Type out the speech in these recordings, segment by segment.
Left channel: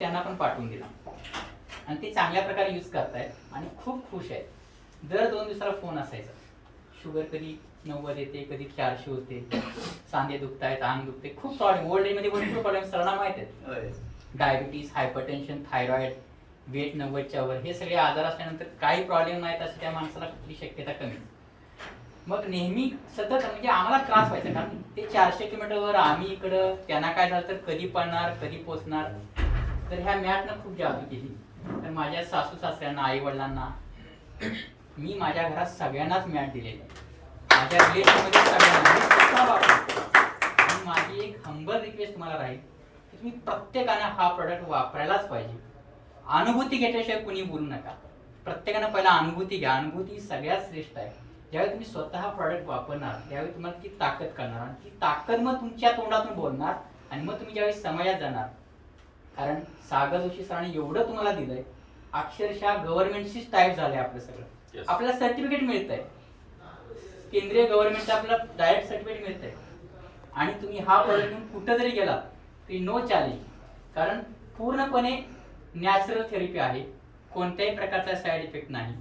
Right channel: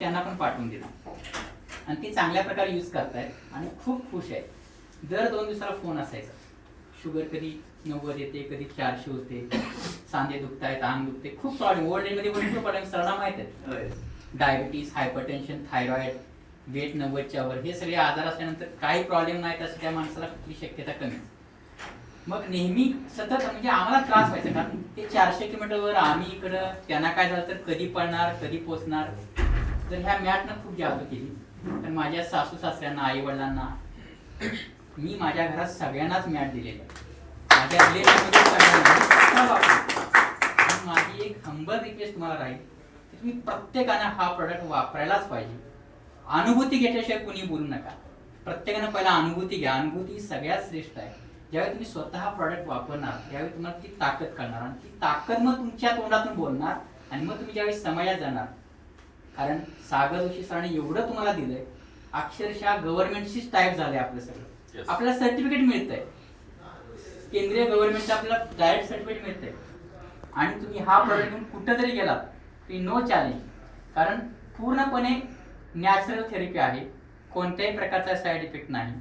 त्यांना पण पाठवून दिला आणि ते चांगल्या प्रकारे यूज करतायत आणि खूप खुश आहेत. दर 2 दिवसाला फोन असायचा, शुगर कधी 90 येते, कधी 400 होते, सांधे दुखतायत, अंग दुखते, खूप प्रॉब्लेम. ओल्ड एजमध्ये भरपूर प्रॉब्लेम सरांना माहित आहेत. डायबिटीस, हायपरटेन्शन, थायरॉइड, वेट 90च्या वर, हे सगळे आजार असल्यानंतर काही प्रॉब्लेम नाहीत असं त्या माणसाला कुठली शक्यता कमी. मग नेहमी सतत म्हणजे आम्हाला त्रास व्हायचा, कारण ते 400 किलोमीटरवर, आम्ही इकडं, त्यांना काय झालं तर कधी पडणार, कधी पोचणार. तर ह्या मॅटनं खूप जादू केली. तर माझ्या सासू सासऱ्यांना, आई वडिलांना, मी माझ्या घरात सगळ्यांनाच मॅट दिलेली आहे. माझ्या रिलेटिव्हमध्ये सगळ्यांना. आणि माझी एक हंबल रिक्वेस्ट तुम्हाला राहील की तुम्ही प्रत्येकानं हा प्रोडक्ट वापरायलाच पाहिजे. अनुभूती घेतल्याशिवाय कुणी बोलू नका. प्रत्येकानं पहिला अनुभूती घ्या. अनुभूती सगळ्यात श्रेष्ठ आहे. ज्यावेळी तुम्ही स्वतः प्रोडक्ट वापरणार त्यावेळी तुम्हाला ती ताकद कळणार आणि ती ताकद मग तुमच्या तोंडातून बोलणार आणि मग तुम्ही ज्यावेळी समयात जाणार. कारण सागर जोशी सरांनी एवढं तुम्हाला दिलंय, अक्षरशः गव्हर्नमेंटशीच टाईप झालंय आपलं सगळं. आपल्याला सर्टिफिकेट मिळतंय, केंद्रीय गव्हर्नमेंटचं आपल्याला डायरेक्ट सर्टिफिकेट मिळतंय. आणि तुम्ही हा प्रोडक्ट घेऊन कुठं जरी गेलात तरी नो चॅलेंज, कारण पूर्णपणे नॅचरल थेरपी आहे. कोणत्याही प्रकारचा साईड इफेक्ट नाही.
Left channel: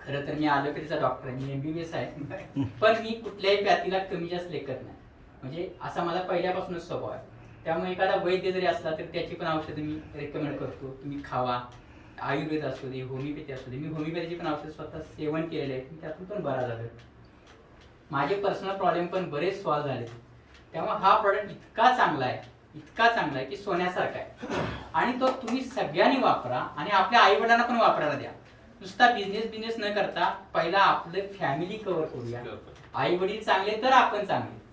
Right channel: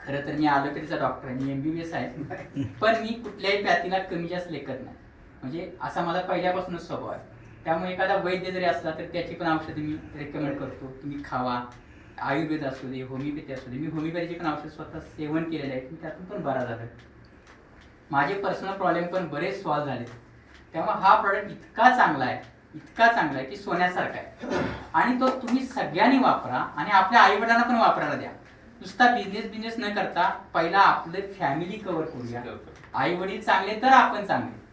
खरं तर मी ॲलोपॅथीचा डॉक्टर आहे, मी MBBS आहे, पण मी कुठल्याही पॅथीला कमी जास्त लेखत नाही. म्हणजे असा माझा पहिल्यापासूनच स्वभाव आहे. त्यामुळे एखादा वैद्य जरी असला तर त्याची पण औषधं मी रेकमेंड करतो, तुम्ही खावा. आयुर्वेद असू दे, होमिओपॅथी असू दे, मी होमिओपॅथीची पण औषध स्वतः सेवन केलेले आहेत, मी त्यातून पण बरा झालोय. माझे पर्सनल प्रॉब्लेम पण बरेच सॉल्व्ह झाले. त्यामुळे हा प्रोडक्ट इतका चांगला आहे, इतका चांगला आहे की सोन्यासारखा आहे. आणि तो तुम्ही सगळ्यांनी वापरा आणि आपल्या आई वडिलांना पण वापरायला द्या. नुसता बिझनेस न करता पहिला आपले फॅमिली कव्हर करूया. आई वडील चांगले तर आपण चांगले.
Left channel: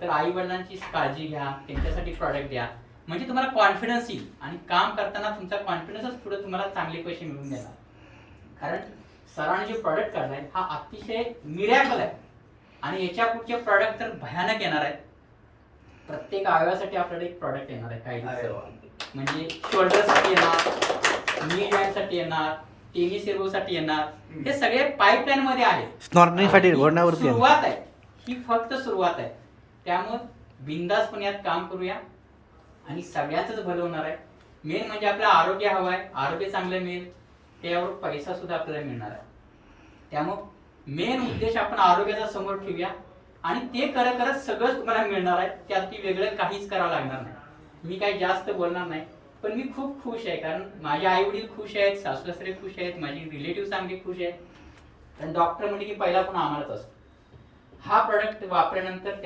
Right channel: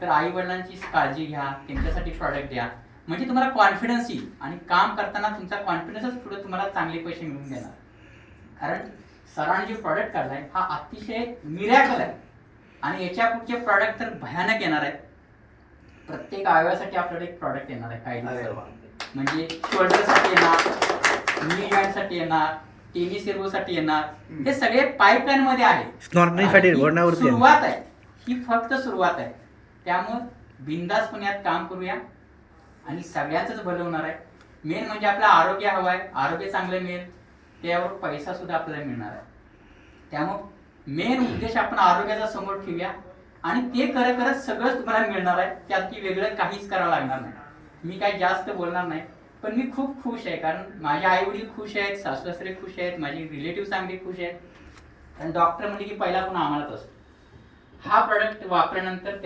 तर आई वडिलांची काळजी घ्या, त्यांच्यासाठी प्रॉडक्ट द्या, म्हणजे तुम्हाला कॉन्फिडन्स येईल आणि काम करताना तुमचा कॉन्फिडन्सच पुढे तुम्हाला चांगले पैसे मिळवून देणार. कारण सरांनी जे प्रॉडक्ट काढलाय हा अतिशय मिरॅकल आहे आणि याच्या पुढचे प्रॉडक्ट तर भयानक येणार आहे. प्रत्येक अवयवासाठी आपल्याला एक प्रॉडक्ट येणार आहे काही दिवसात. म्हणजे शोल्डरसाठी येणार, नी जॉईंटसाठी येणार, टेनिस एल्बोसाठी येणार. हे सगळे पाईपलाईन मध्ये आहे. सुरुवात आहे ही, फक्त सुरुवात आहे. त्यामुळं बिंदासपणे यात काम करूया आणि सगळ्यांचंच भलं होणार आहे. मेन म्हणजे आपलं आरोग्य हवं आहे. आरोग्य चांगलं मिळेल त्यावर पैसा सुद्धा आपल्याला मिळणार आहे. त्यामुळं मेन उद्देश आपण आरोग्याचा समोर ठेवूया आणि ते करत करत सगळंच तुम्हाला मिळणार आहे. त्यात वेगळं काहीच करावं लागणार नाही. मी काही जास्त बोलणार नाही, पण मी खूप खुश आहे. कारण माझे आई वडील खुश आहेत, सासू सासरे खुश आहेत, माझी रिलेटिव्ह चांगली खुश आहेत. कारण डॉक्टर म्हणजे की पहिला पण आम्हालाच असतो. हा प्रॉडक्ट वापरल्यानंतर